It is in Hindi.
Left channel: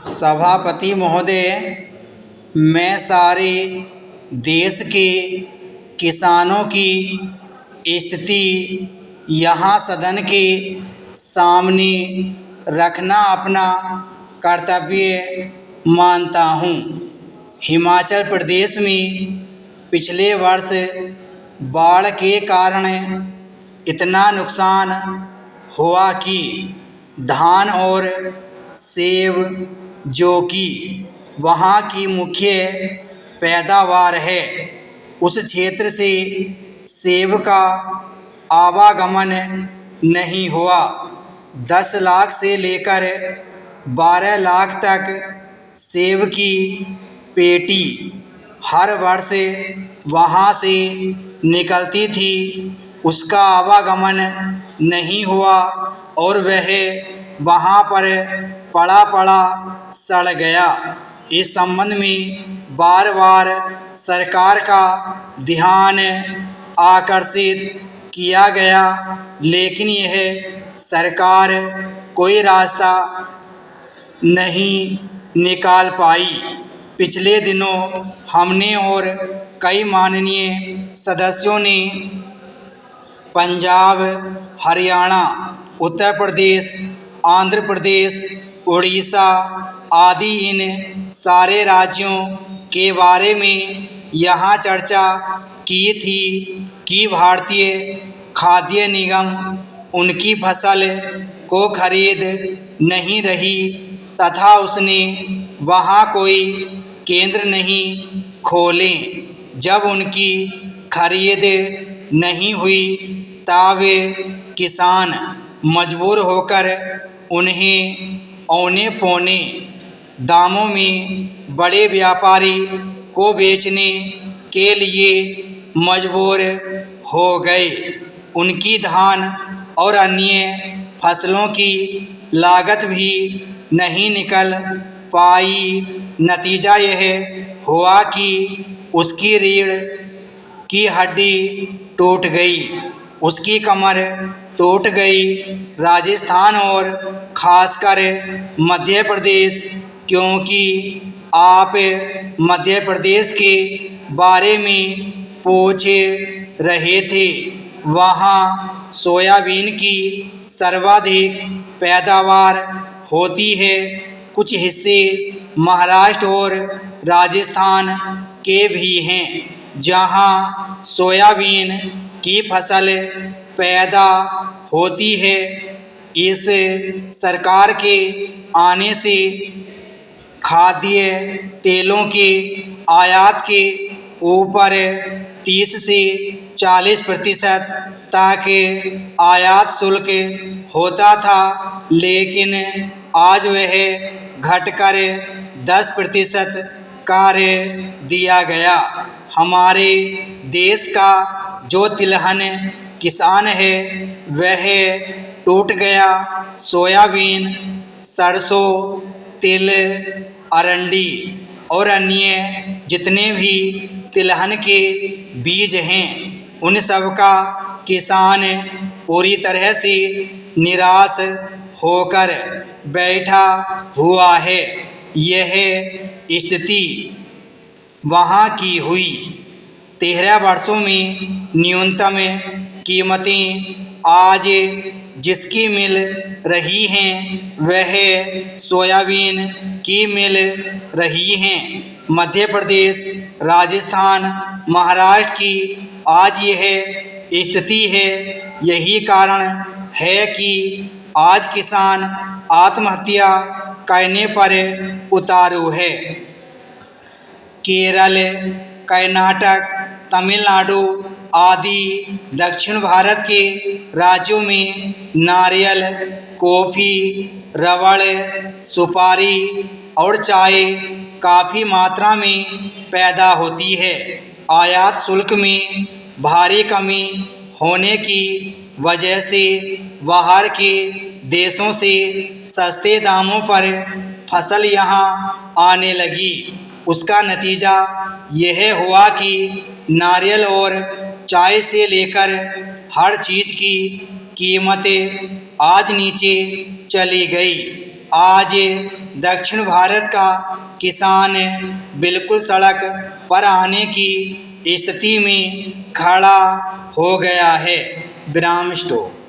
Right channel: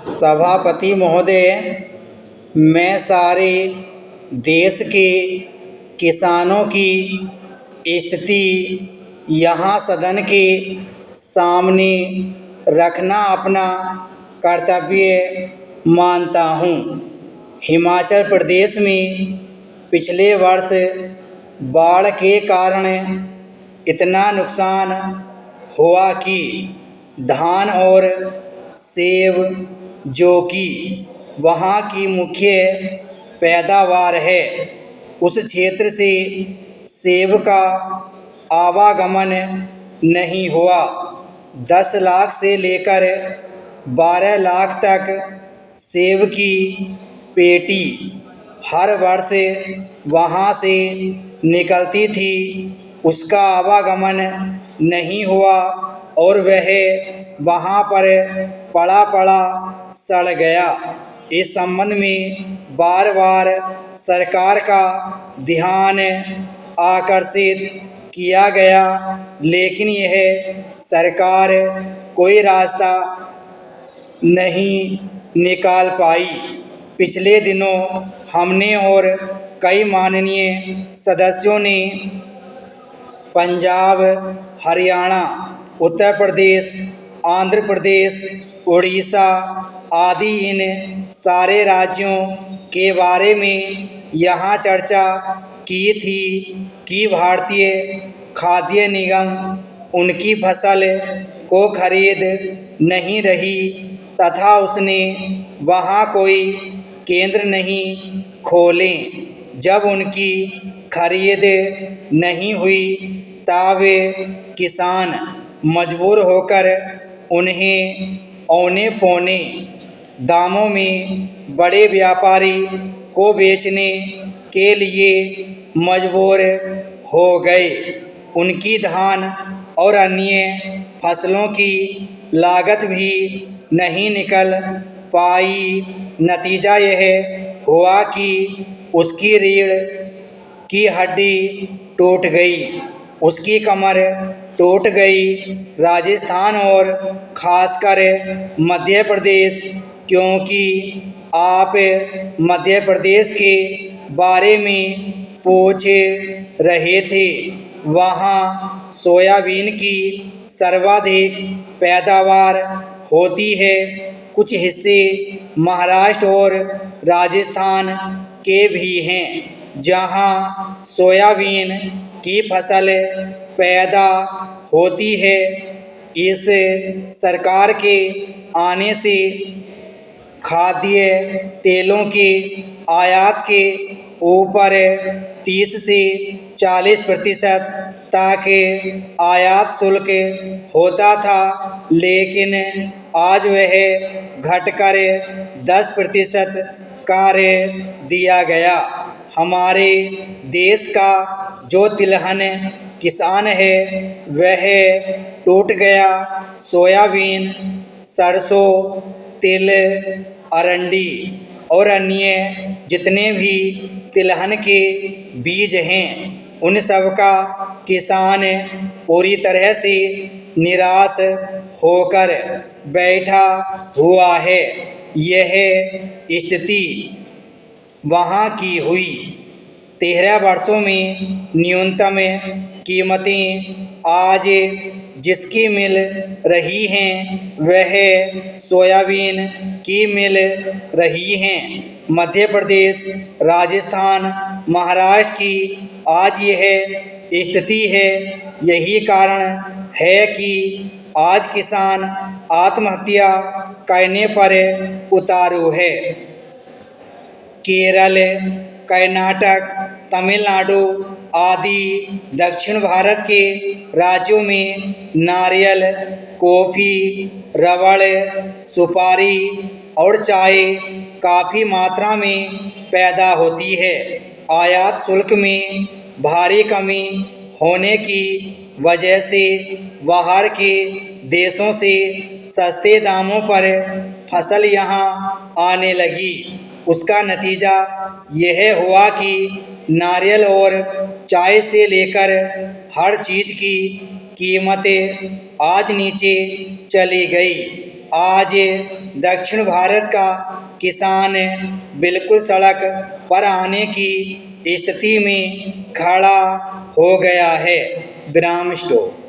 सभापति महोदय, मैं सारे देश के किसानों की स्थिति यहाँ सदन के सामने रखना अपना कर्तव्य मानता हूँ। हिमाचल प्रदेश में पिछले वर्ष बाढ़ के कारण इतना नुकसान हुआ कि धान और सेब, जो कि वहाँ की मुख्य पैदावार है, उस क्षेत्र से सेब का आवागमन नहीं हुआ। 10 लाख से लेकर 12 लाख तक सेब की पेटी हर वर्ष वहाँ से निकलती थी, उसका आवागमन नहीं हुआ और वह वहाँ पर पड़ा पड़ा सड़ गया। इस संबंध में बार बार सरकार का ध्यान आकर्षित किया गया, लेकिन यह सरकार कोई रास्ता नहीं निकाल पाई। पिछले दिनों हमने और कई माननीय सदस्यों ने पंजाब, हरियाणा, उत्तर प्रदेश, आंध्र प्रदेश, उड़ीसा आदि इन सारे राज्यों के बारे में यहाँ चर्चा की थी कि भारतीय खाद्य निगम उनकी फसल को खरीद नहीं रही तथा उसने वहाँ कोई केंद्र नहीं खोले। जब उनकी खरीद नहीं हुई तब किसान मजबूर होकर उन्हें औने पौने दामों में बड़े व्यापारी को बेचने के लिए मजबूर हो गए। उनकी धान और अन्य फसलों की लागत भी नहीं निकल पाई। नतीजा यह हुआ कि उसकी रीढ़ की हड्डी टूट गई, उसकी कमर टूट गई। राजस्थान और खासकर मध्य प्रदेश, क्योंकि आप मध्य प्रदेश के बारे में पूछ रहे थे, वहाँ सोयाबीन की सर्वाधिक पैदावार होती है। कुछ हिस्से महाराष्ट्र और राजस्थान के भी हैं जहाँ सोयाबीन की फसल पैदा होती है। इस सरकार के आने से खाद्य तेलों के आयात के ऊपर 30 से 40% तक आयात शुल्क होता था, लेकिन आज वह घटकर 10% कर दिया गया। हमारे देश का जो तिलहन किसान है वह टूट गया। सोयाबीन, सरसों, तिल, अरंडी और अन्य जितने भी तिलहन के बीज हैं, उन सब का किसान पूरी तरह से निराश होकर बैठा हुआ है। यह स्थिति वहाँ की हुई। 13 वर्षों में न्यूनतम कीमतें आज जिसकी मिल रही हैं वह सोयाबीन की मिल रही हैं। मध्य प्रदेश, राजस्थान, महाराष्ट्र की आज यह स्थिति है। यही कारण है कि आज किसान आत्महत्या करने पर उतारू है। केरल, कर्नाटक, तमिलनाडु आदि दक्षिण भारत के राज्यों में नारियल, कॉफ़ी, रबड़, सुपारी और चाय काफ़ी मात्रा में पैदा होती है। आयात शुल्क में भारी कमी होने की वजह से बाहर के देशों से सस्ते दामों पर फसल यहाँ आने लगी। उसका नतीजा यह हुआ कि नारियल और चाय से लेकर हर चीज़ की कीमतें आज नीचे चली गई। आज दक्षिण भारत का किसान बिल्कुल सड़क पर आने की स्थिति में खड़ा हो गया है। विराम स्टॉप।